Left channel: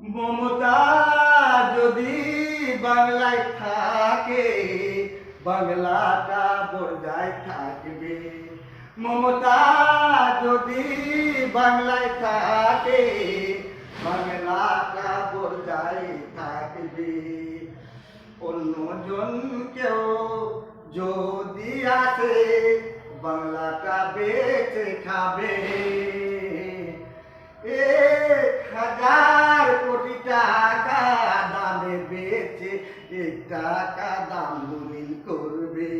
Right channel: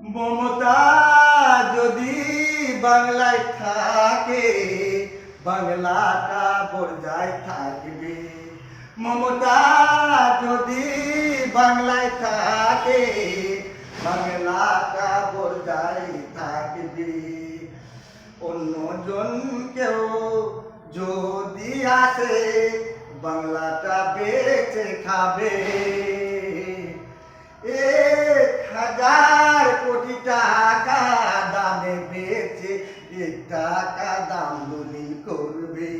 মমতা যদি বাংলায় থাকে, বাংলাটা বজায় থাকবে। মমতা যদি বাংলায় থাকে, বাংলাটা বজায় থাকবে। অন্যজন কেউ যদি আসে, বাংলাটা বেঁচে খাবে। 1,000 কোটি টাকা দামে বেচে 1 টাকা দাম দলিল করবে।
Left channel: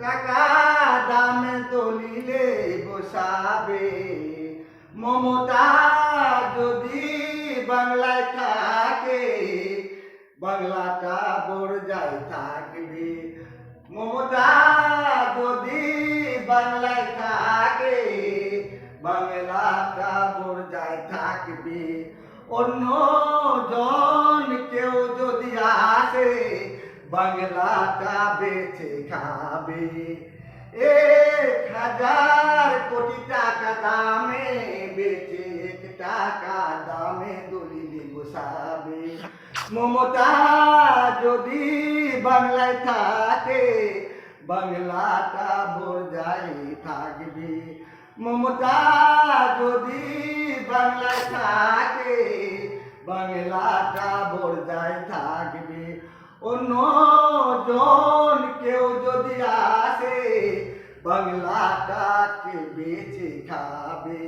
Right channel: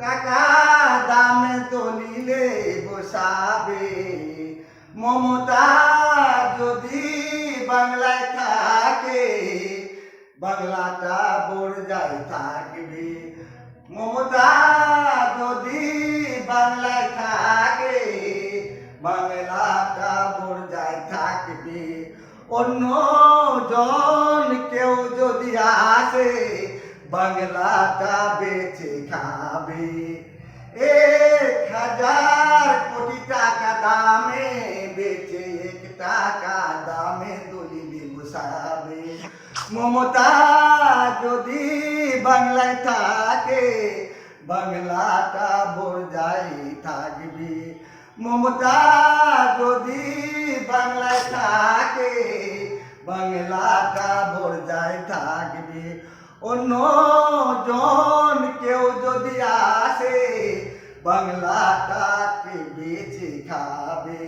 টাকা দামে দলিলে বসাবে। মমতা যদি বাংলায় থাকে, বাংলাটা বজায় থাকবে। মমতা যদি বাংলায় থাকে, বাংলাটা বজায় থাকবে। অন্য জন কেউ যদি আসে, বাংলাটা বেঁচে খাবে। 1,000 কোটি টাকা দামে বেচে 1 টাকা দামে দলিলে বসাবে। মমতা যদি বাংলায় থাকে, বাংলাটা বজায় থাকবে। মমতা যদি বাংলায় থাকে, বাংলাটা বজায় থাকবে। অন্য জন কেউ যদি আসে, বাংলাটাকে বেঁচে খাবে।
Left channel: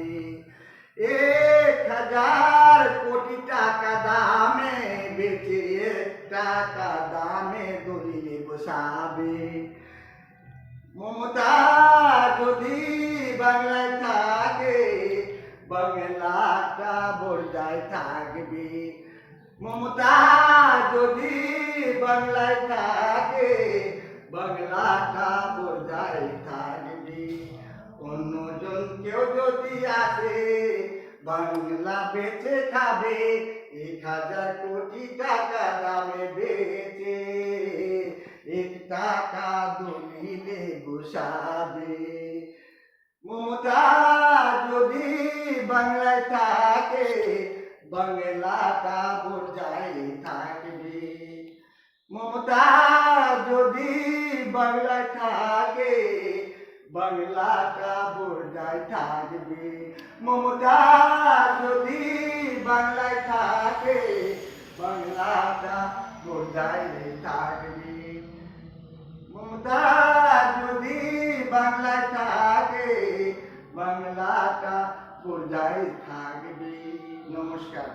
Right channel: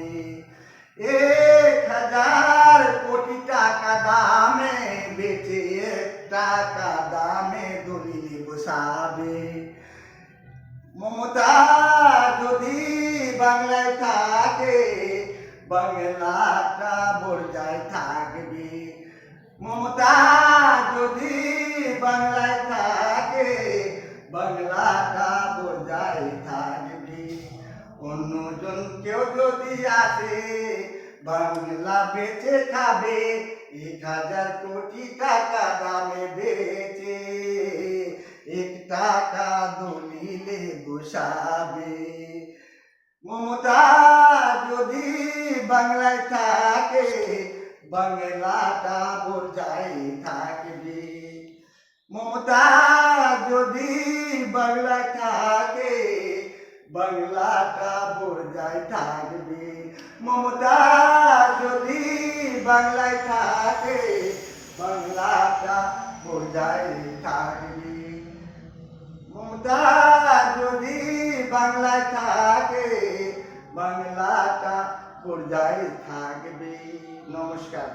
1,000 কোটি টাকা দামে বেচে 1 টাকা দামে দলিলে বসাবে। মমতা যদি বাংলায় থাকে, বাংলাটা বজায় থাকবে। মমতা যদি বাংলায় থাকে, বাংলাটা বজায় থাকবে। অন্যজন কেউ যদি আসে, বাংলা বেচে খাবে। 1,000 কোটি টাকা দামে বেচে 1 টাকা দলিলে বসাবে। মমতা যদি বাংলায় থাকে, বাংলাটা বজায় থাকবে। মমতা যদি বাংলায় থাকে, বাংলাটা বজায় থাকবে। মমতা যদি বাংলায় থাকে, বাংলাটা বজায় থাকবে। মমতা যদি বাংলায় থাকে, বাংলাটা বজায় থাকবে। নমস্কার।